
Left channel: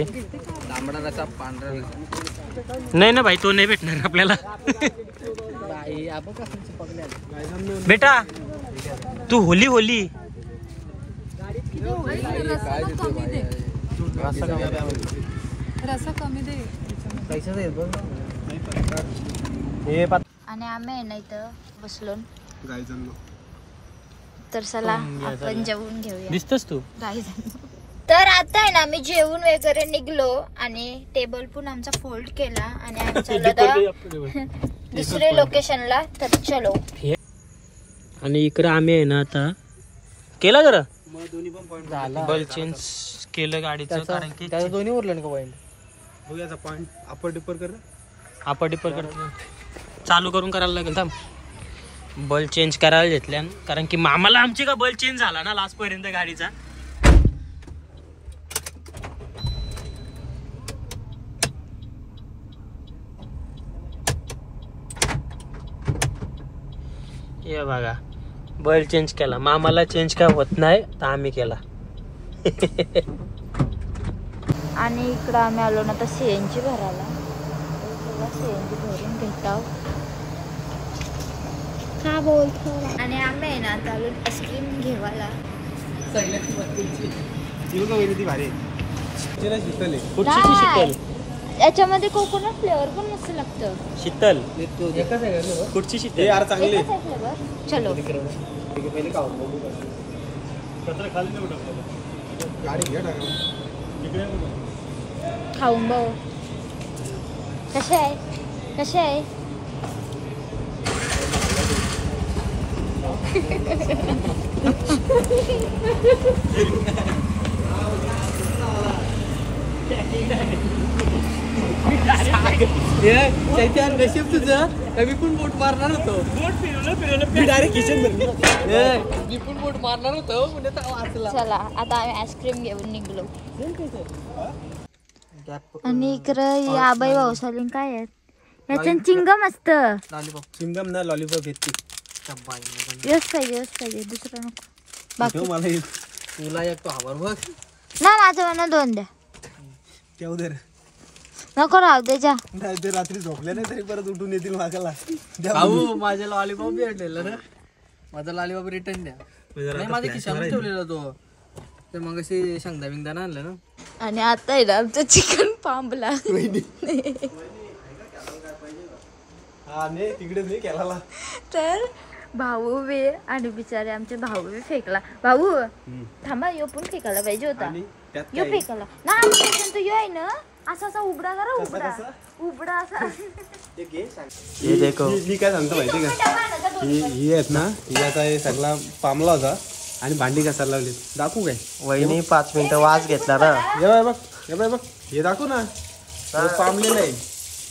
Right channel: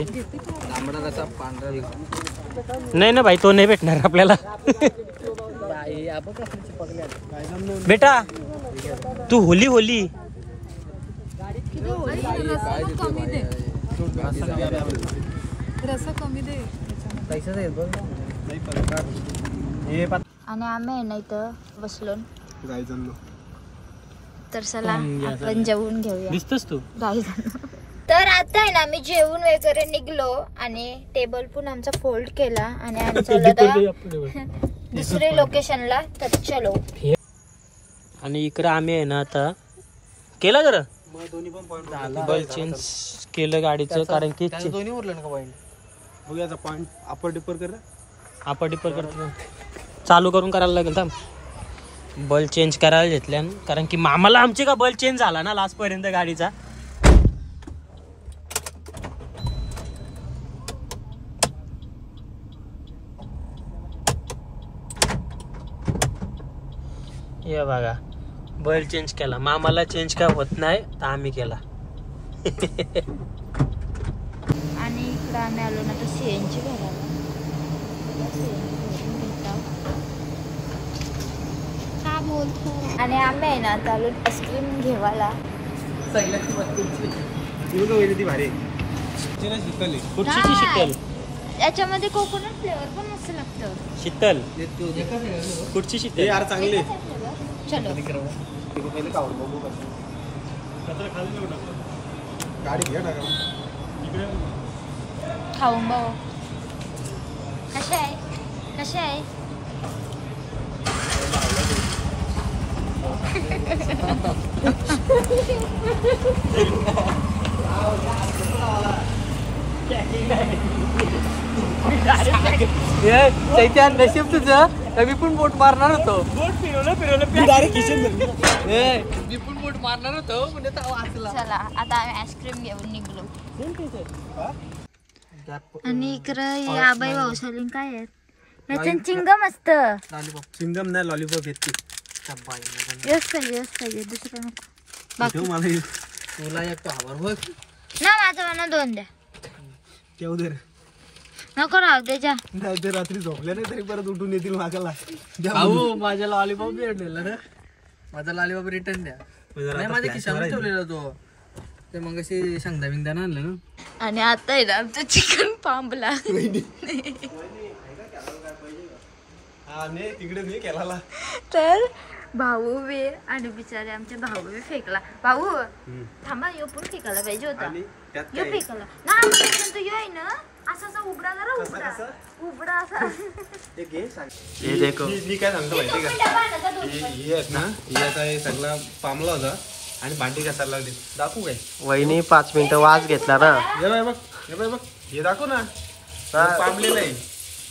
नाही ना भाई तो नाही भेटणार आपल्याला. बेटा तू होली आणि आम्ही ना इथं बसलो. तर चला आपण जेवून घेऊया. दिसतोस तू. तर आता आहे ना आम्ही जेवून वगैरे निघलो आणि टेबल पण आमचा फोल्ड केला आणि आम्ही चाललो दुसऱ्या लोकेशनला. तर चलो. आणि इकडे आम्ही आहे ना आता केला जरा बल चेंज केलं गाडीचं. कारण की दोन्ही ओरलं का पॉईंट बघूयाचा पॉईंट अपर डिपर करतो. चालू करून करायला लागेल. थांब बल चेंज करायला घेतल्या कारण की मामाला आमची का बल चेंज झाला ना लास्ट पर्यंत गाडीचा. हे बघा बल चेंज केला. मामाला चेंज काय होत नाही तर आम्ही केला. आणि इकडं आम्ही आलो ना तर सीएनजी भरायला. सीएनजी भरून घेत आहोत. का बोलतो. आणि आम्ही आहे ना चालू आईस्क्रीम घेवायला. शीतल याच्यामध्ये कोकोनट फ्लेवर पण मस्त लागतं. शीतल कुठची शीतल यार चांगले. चलो गाडी घ्या टाका. खाऊन बघू कसे आहे. चैत्यान नशीब तुझं. मी पण बोट मारणार होतो. मी पण बोट मारणार होतो म्हणजे वाचला. चला आता आम्ही आईस्क्रीम घेऊन निघलो. आणि इकडं या आबाई भाऊसालीन काय आहेत. याच्यात चिंगम असतं. चिंगम नाही लॉलीपॉप घेतली. यस पाहिजे दुसरं नको. बाकी मला तुला एक तो हवार बघ ना माझ्या मना 2 द्या. तेव दे नको राहू दे जा. नाही ते रात्री झोपल्या नाही तरी परत उठून येतील मागायला. भाऊ माझ्या लॉलीपॉप भेटलेला रे. माझा लॉलीपॉप रिटर्न द्या. नाही माझ्या खिशामध्ये ठेवलेला तो. ते मग अशी शेंगदा बिंगदा आणलं ना. आणि आता आहे ना आमचं चिकन पांबला. तिकडे मी केला. तर भाऊ बे आणि बिचारे आमचे भाऊ बे फेकला. भाऊ थांबा यो पण फेकायला पाहिजे होता. यो फेकायला ना तू यो आहे ना असा उघडा जरा उघडा असा. हे देखो मी काय सांगतो माहिती का. ही आहेत ना ही आता हे सगळा पामला होता आणि भांडी घासायला लागली. दाखवू काय वहिनी 5 मिनिटं वाज घेतला ना. हे बघ हे दाखवू ना. पामली नाही.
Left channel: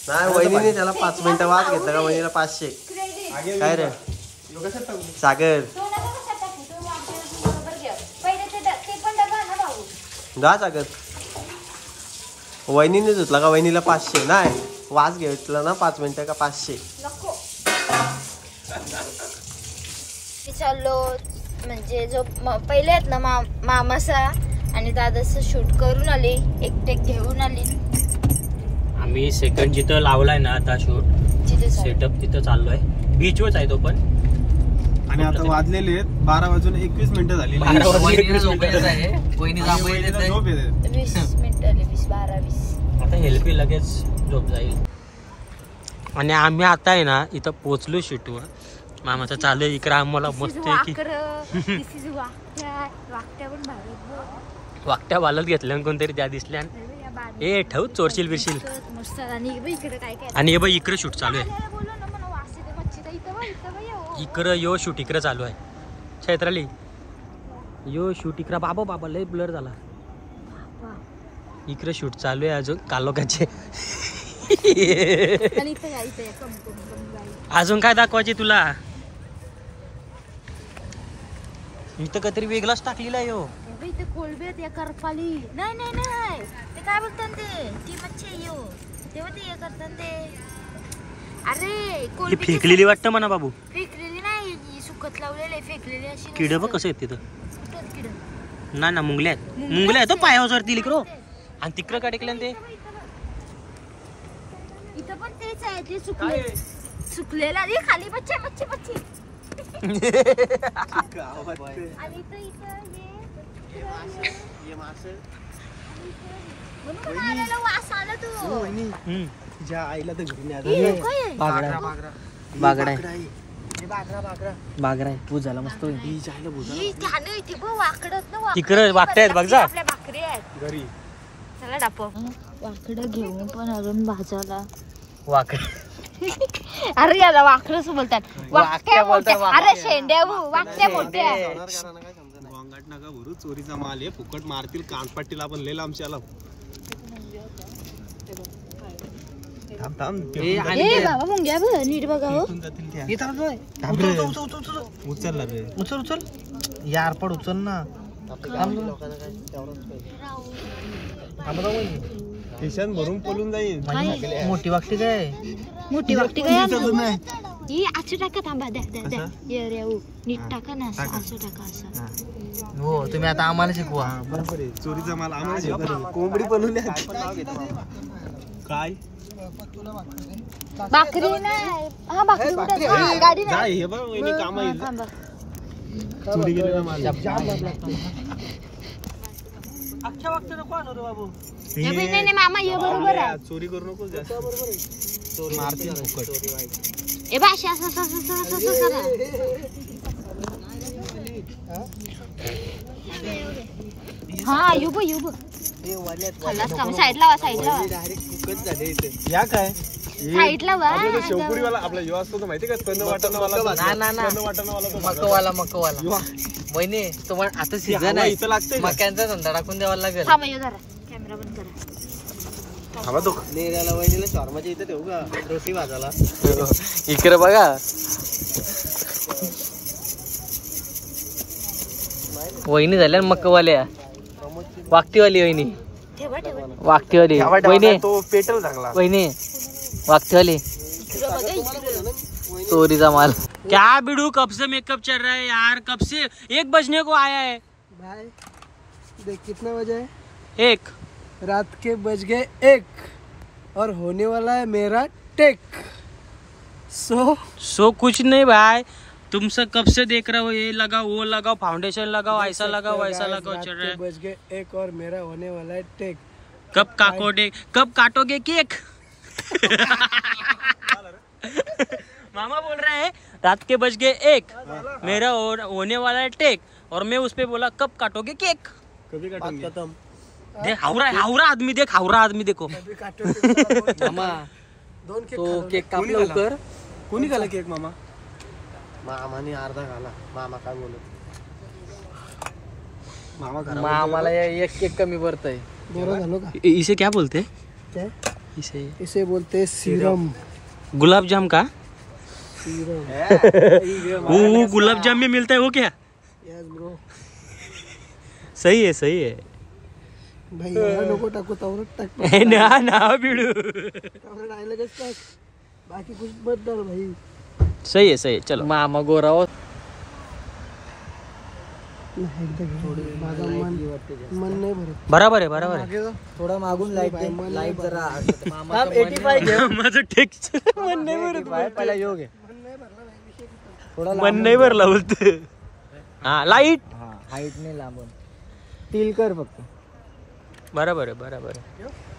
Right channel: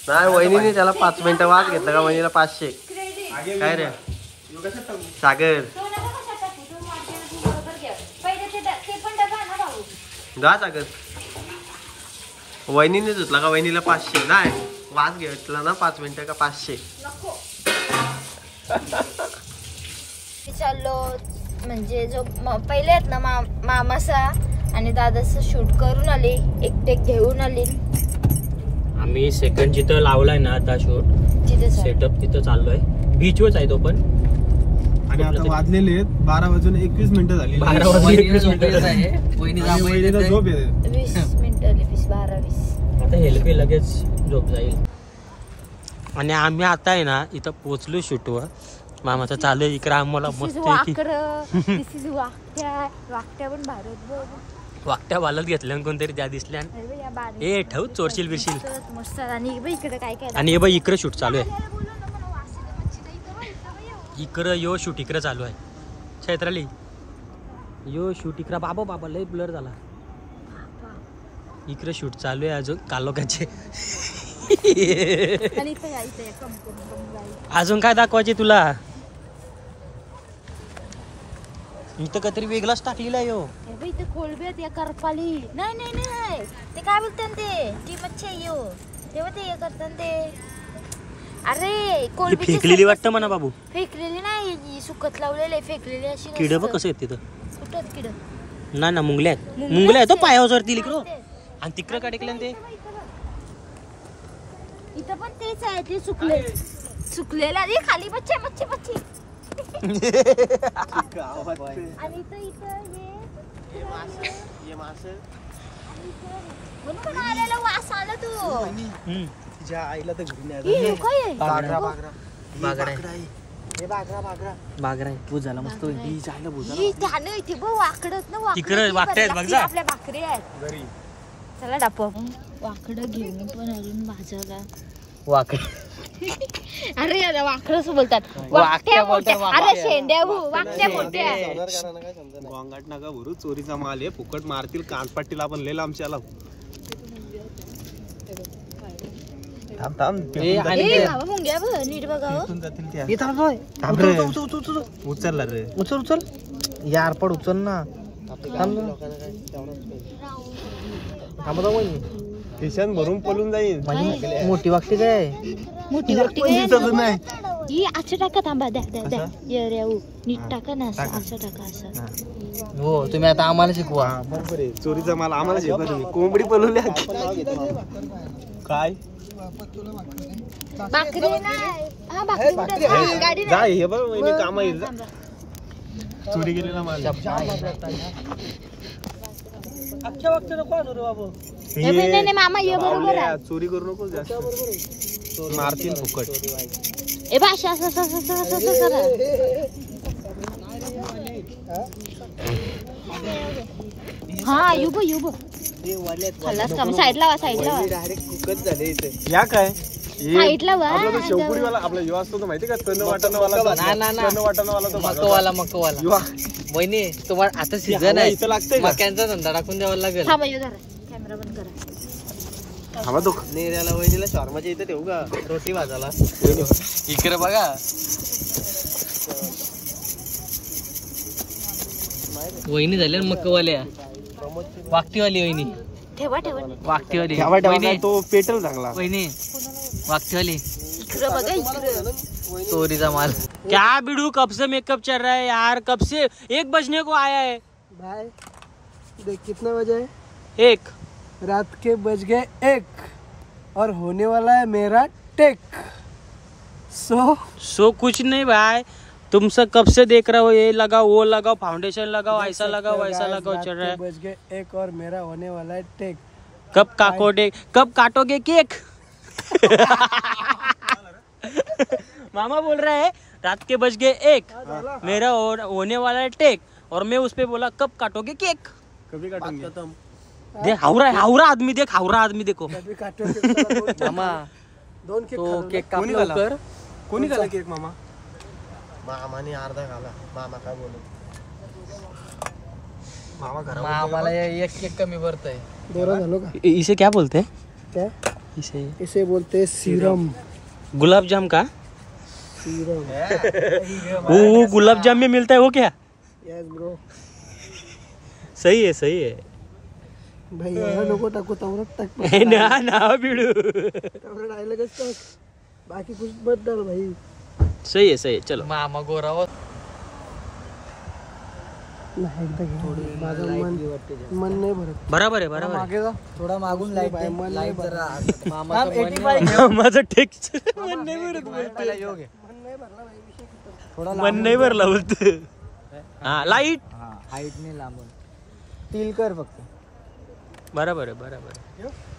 नाही वहिनीने त्याला 5 मिनिटं वाज घेतला का. वहिनीला 500. काय रे सागर जा सागर. वहिनीने धुतला का. वहिनीला 500. नाही वाज घेतला ना 5 मिनिटं का 500. चाललो म्हणजे जो पहिले आहेत ना मामाचा आणि दादाचं शूट करून आली. एकटे घेऊन आली. आम्ही सेकंड जिथं लावलाय ना आता शूट तिथे सेटअप तिथं चाललोय. बीचवरच आहे तो पण. आणि आता वाजलेले आहेत 12:21 झाली. 20 मिनिटं 12-20. आता हेल्पी लगेच झोप जाईल. आणि आम्ही आता आहे ना इथं पोचलो शूटवर मामाचं चालू आहे इकडं आम्हाला मस्त की वाकट्या पण भारत बघ. वाकट्या बालत घेतल्या कोणतरी त्या दिसल्या ए ठेव चोरशील बिरशील. मस्त. आणि इकडे काय काय आणि हे बघ इकडे शूट चालू आहे. इकडं यो शूट इकडं चालू आहे. चैत्राली यो शूट इकडं बाबा बाबा लय ब्लर झाला. इकडं शूट चालू आहे अजून कालोकाचे. अजून काय दाखवायचे तुला. इथं काहीतरी वेगळाच टाकलेला आहे यो. इथे कोलबी आहेत या करपाली. नाही नाही नाही ते काय बोलतात ते ती मच्छी आहे यो. तेव्हा ते हे करतात ते. अरे कोलबी फेकलेली वाटतं म्हणा बाबू. फेकलेली नाही सुकत लावलेले फेकलेली अशी. किड बघ कसं आहेत तिथं. कुठं किड. नाही ना मुंगल्या आहेत. मुंगल्या आहेत पायावरती लिकरो. आणि तिकडं का टेकल्या ते. इथं पण तेच आहे ते सुकले सुकलेला रे खाली मच्छी मच्छी मच्छी. आणि म्हणून आलेला वास आला तू. तिच्या आईला तर घरी हे काय आहे? बागरा आहे. बागरा आहे. भूत झाला मस्त. जायला भूत ही झालं इथे बघ वाकडत ना वाकड. तिकडे वाकटे आहेत बघ जा. आपल्या भाकरी आहेत घरी. चला डापो. वाकडं घेऊन पण अजून भाजायला. वाकड अरे याला वाकडच बोलतात. वाकट्या मोठ्या. अरे शेंड्या वाकट्या मोठ्या. गोंगाट नका भरू. चोरीचा माल आहे. फुकट मारतील कानपट्टील आपण लय लांबच्याला. थांब थांब. ए बाबा मुंग्या बघ नीट बघा हो. उचलला रे. उचल उचल यार पड उचल ना. किशन भरून पळून जाईल. मोठी वागते काय. मोठी वाकटी काय ही असं टाका. थांबा द्या द्या द्या ये रे नीट टाका ना. असं टाका असं. हो तुम्ही आता आम्हाला शिकवा. बरोबर आहे. चोरीचा माल आम्हाला शिकवा तुम्ही. कोंबडी पळवली. काय भाकरी नाही. हा भाकरी उडत. हा, गाडी जा नाही. हे बघ वहिनी काम आहे. थांबा. चोरी केली ना माल. अख्ख्या वागते नको आणू रे बाबू. हे बघ, नाही नाही मामा ये बरोबर आहे. चोरी करू नको जास्त. मारतील फुकट. ए भाषा असं असं असं असं असं करा. हा ये बघ ये बघ. खाल्लास का साईडला वा साईडला वा. डायरेक्ट कुकच झाले इथे. या काय साईडला वा. आपला शेवपुरीवाला आपला युवा असतो तो माहिती का. तण वाटणवाला मकवाला वहिनी तुम्हाला आता सीझन आहे. इथं लागतंय का? मक्यांचा धंदा टाकून द्यावा लागेल. थांबा ये जरा कॅमेरा बंद करा. नेल्याला वहिनीला शॉर्माच्या इथं ठेवू का. रोटी भाजायला. इकडे बघा वहिनी झाल्या मक्कवाल्या. वागतीवाली वहिनी. ठेवा ठेवा वागतीवाली वहिनी. तो पेटव चांगला. वहिनी वागतीवाली. इकडं बघा इकडं. चोरीचा माल. क्या बिडू कब से मेकअप चल रहा है यार. कब से 1 बजने को आया है. भाई देख कितना बजे है. 1 रात के बज गए 1 और होने वाला है मेरा टेक. सो कुछ नहीं भाई. तुमसे कब से देख रहे हो. ये लगाओ वो लगाओ फाउंडेशन लगाओ ऐसा लगाओ वैसा लगाओ चल रहा है. बज गए 1 और मेरा होने वाला है टेक. कब काटोगे केक. मामा बोल रहे हैं रात के बज गए 1 मेरा होने वाला है टेक. और मैं उस पे बोला कब काटोगे केक. कभी काटेंगे. देख हावरा आदमी देख. हावरा आदमी देखो. मामा तो केक काप लवकर. कोणी खाला केक मामा. मामाने अर्धा खाला. मामा काय बोलत. आम्हाला एक केक कमी भरतय. बरं झालो का. इसे क्या बोलते हैं. क्या इसे इसे बोलते हैं सीरम. गुलाब जाम का. सीरम. वो गुलाब जाम में मिलता है वो क्या. Yes bro. सही है. भाई एवढा नको टाकू. तवरट टाक. ना बिडू. तवरट आयलंच टाक. बाकी कुछ मत डाल भाई. सही है चलो. मामा गोराव. नाही एकदा घे. माझं मन नाही भरत. बराबर है. थोडा मागून लाईट लाईट जरा. माझं टेक्स्चर मन नाही भरत बोलते. मन नाही भरला बोलते. हा लाईट हाईट ने लांबून. टील कर फक्त. बराबर है.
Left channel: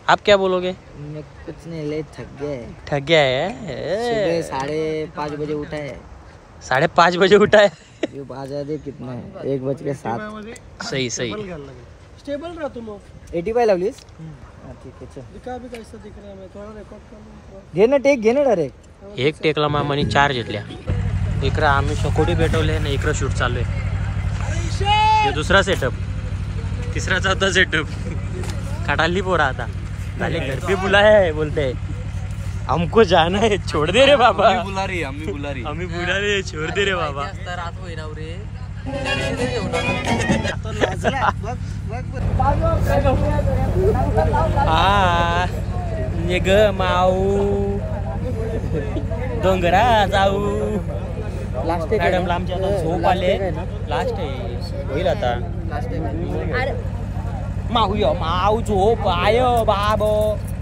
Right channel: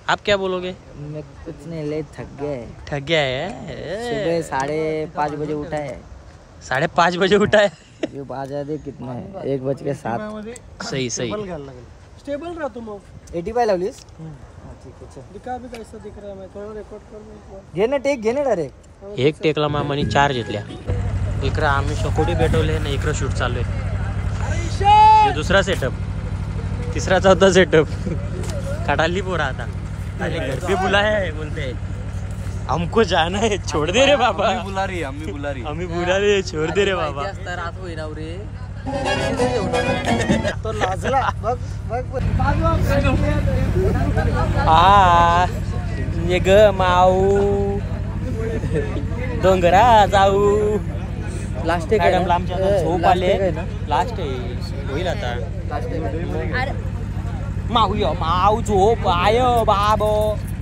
आप क्या बोलोगे. मैं कुछ नहीं ले थक गए. ठग गया है. सुबह 5:30 बजे उठा है. 5:30 बजे उठा है। ये बाजा दे कितना है 1:07 सही सही। स्टेबल राहतो मग 85 लावलीस ठीक आहे चल दिखा भी कैसा दिख रहा है मैं थोड़ा रिकॉर्ड कर घे ना टेक घे ना डायरेक्ट एक टेकला मामाने 4 घेतल्या। इकडं आम्ही शकोटी पेटवले ना, इकडं शूट चालू आहे। हे दुसरा सेटअप, तिसरा चौथा सेटअप खटाली पोरा आता अरे घर पे बुलाया है, बोलते हैं हमको जाना है, छोड़ दे रे बाबा। हमें बुला रही है, छोड़ दे रे बाबा। तो लाजला बघ बघ आ ये ग माऊ डोंगरा जाऊ। मॅडम आमच्या झोप आले, लास्ट आहे होईल आता। माऊ यो माऊ झोप आय बाबो।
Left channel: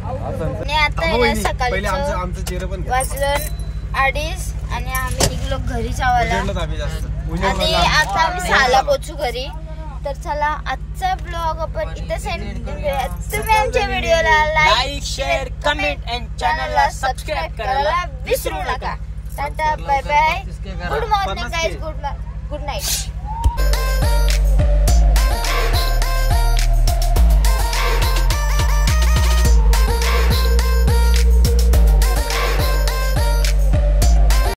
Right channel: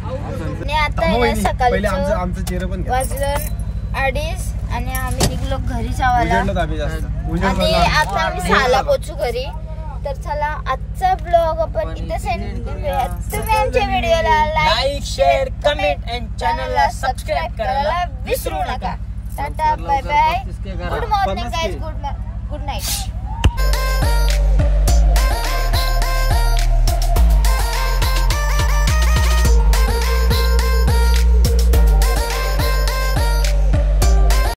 आणि आता आहे ना सकाळचं वाजलं 2:30 आणि आम्ही निघलो घरी जावायला आणि आता आम्ही 6ला पोहोचू घरी। तर चला आजचा ब्लॉग आपण इथे सेंड करूया। तुम्ही आमच्या व्हिडिओला लाईक शेअर कमेंट आणि चॅनलला सबस्क्राईब करायला विसरू नका। Tata bye bye, good morning guys, good night.